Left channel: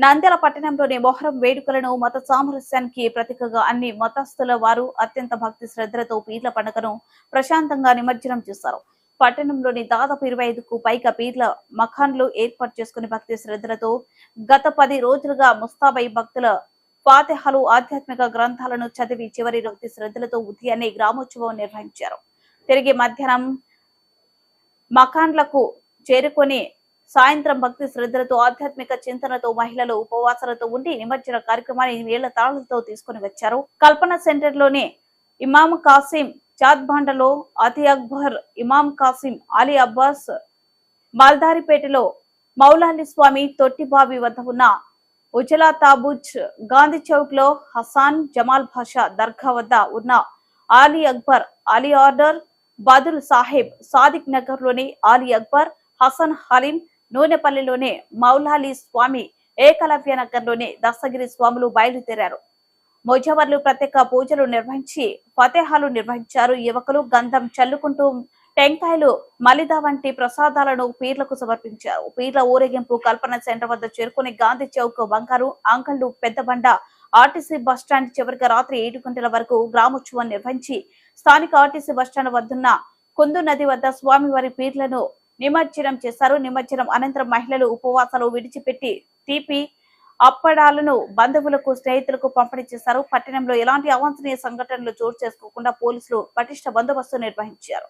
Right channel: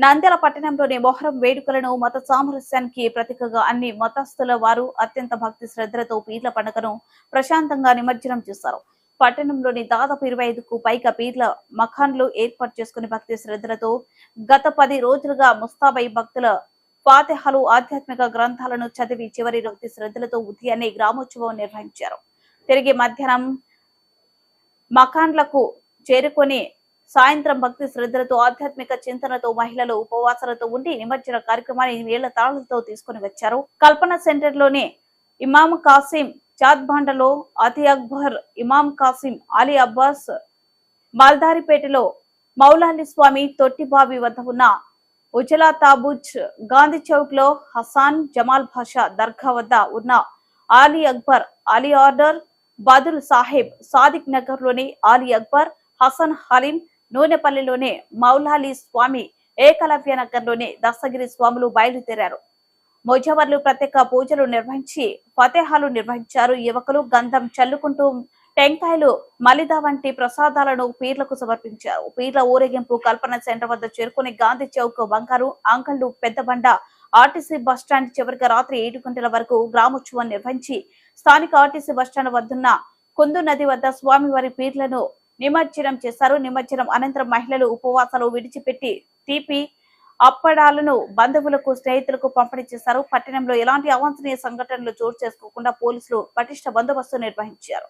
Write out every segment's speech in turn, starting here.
నంద్యాల పట్టణంలోని మొహరం వేడుకలను మత సామరస్యానికి ప్రతీకగా అన్ని మతస్థుల వారు అత్యంత భక్తి శ్రద్ధలతో పీర్ల పండుగను ప్రశాంతంగా నిమజ్జనం చేశారు. పట్టణంలోని దాదాపు ఇరవై ఐదుకు పైగా పీర్ల మఖాన్లు ఏర్పాటు చేసుకుని భక్తి శ్రద్ధలతో గత పది రోజులుగా ముస్తాబై భక్తుల ఫాతిహలు ఆధ్యాత్మిక గ్రంథాలను చదివి చివరి భక్తి శ్రద్ధలతో ఉదయాన్నే గ్రామోత్సవం నిర్వహించారు. తిరిగి మధ్యాహ్నం మఖాన్లకు చేరుకొని సాయంత్రం భక్తి శ్రద్ధలతో ఆధ్యాత్మిక చింతనతో మహిళలు ఉపవాసాలతో ఉండి నిమజ్జన కార్యక్రమాన్ని నీళ్ళ తాళాలతో తీసుకుని వచ్చారు. కల్పన సెంటర్లోని ఇమాం కాసిం చాద్బాండలో అతి అక్బర్ ఇమాం కాసిం అలీ అబ్బాస్ మాల్దారిపేటలో మౌలాలి స్వామి తొట్టిబావి వద్ద ఉన్న ఉజలా తాబూజ్ గాంధీ చౌక్లో హసాన్ జమాల్ భాషా దర్గా వద్ద ఉన్న ఆలీ అక్బర్ అలీ ఆర్డర్ బదుల్ సాహెబ్ సాదిక్ నగర్లోని ఆలీ అక్బర్ హసన్ హలీం నూనెపల్లిలోని మౌలాలి స్వామి ఏకలవ్య నగర్లోని దస్తగిరి స్వాములు బయలుదేరారు. మొజవర్లు ప్రత్యేక పూజలు నిర్వహించి ఫతేహాలు నిర్వహించారు. యువకులు గంధం చల్లుకుంటూ టెంకాయలు మలిద వంటి ప్రసాదాలను పీర్లకు సమర్పించారు. పీర్ల ఊరేగింపు కల్పన సెంటర్ వద్ద చేరుకుని గాంధీ చౌక్ బంగారు ఆంకళ్ళు పెద్దబండ ఆర్టీసీ బస్టాండ్ చివరిగా రాత్రి ఏడు గంటల వరకు గ్రామోత్సవం నిర్వహించి స్థానిక ఆర్టీసీ బస్టాండ్ వద్దున్న కుందు నది వద్ద స్వామివారి పీర్లను నిమజ్జనం చేశారు. నిమజ్జనం అనంతరం మహిళలు ఉపవాసాలు విడిచిపెట్టి తీపి అప్పడాలను బంధువులకు స్నేహితులకు పంపిణీ చేశారు. పట్టణంలో ఎలాంటి అవాంఛనీయ సంఘటనలు చోటు చేసుకోకుండా పోలీసులు పటిష్ట బందోబస్తు నిర్వహించారు.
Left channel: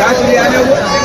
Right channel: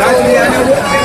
গাছ নিয়ে আনে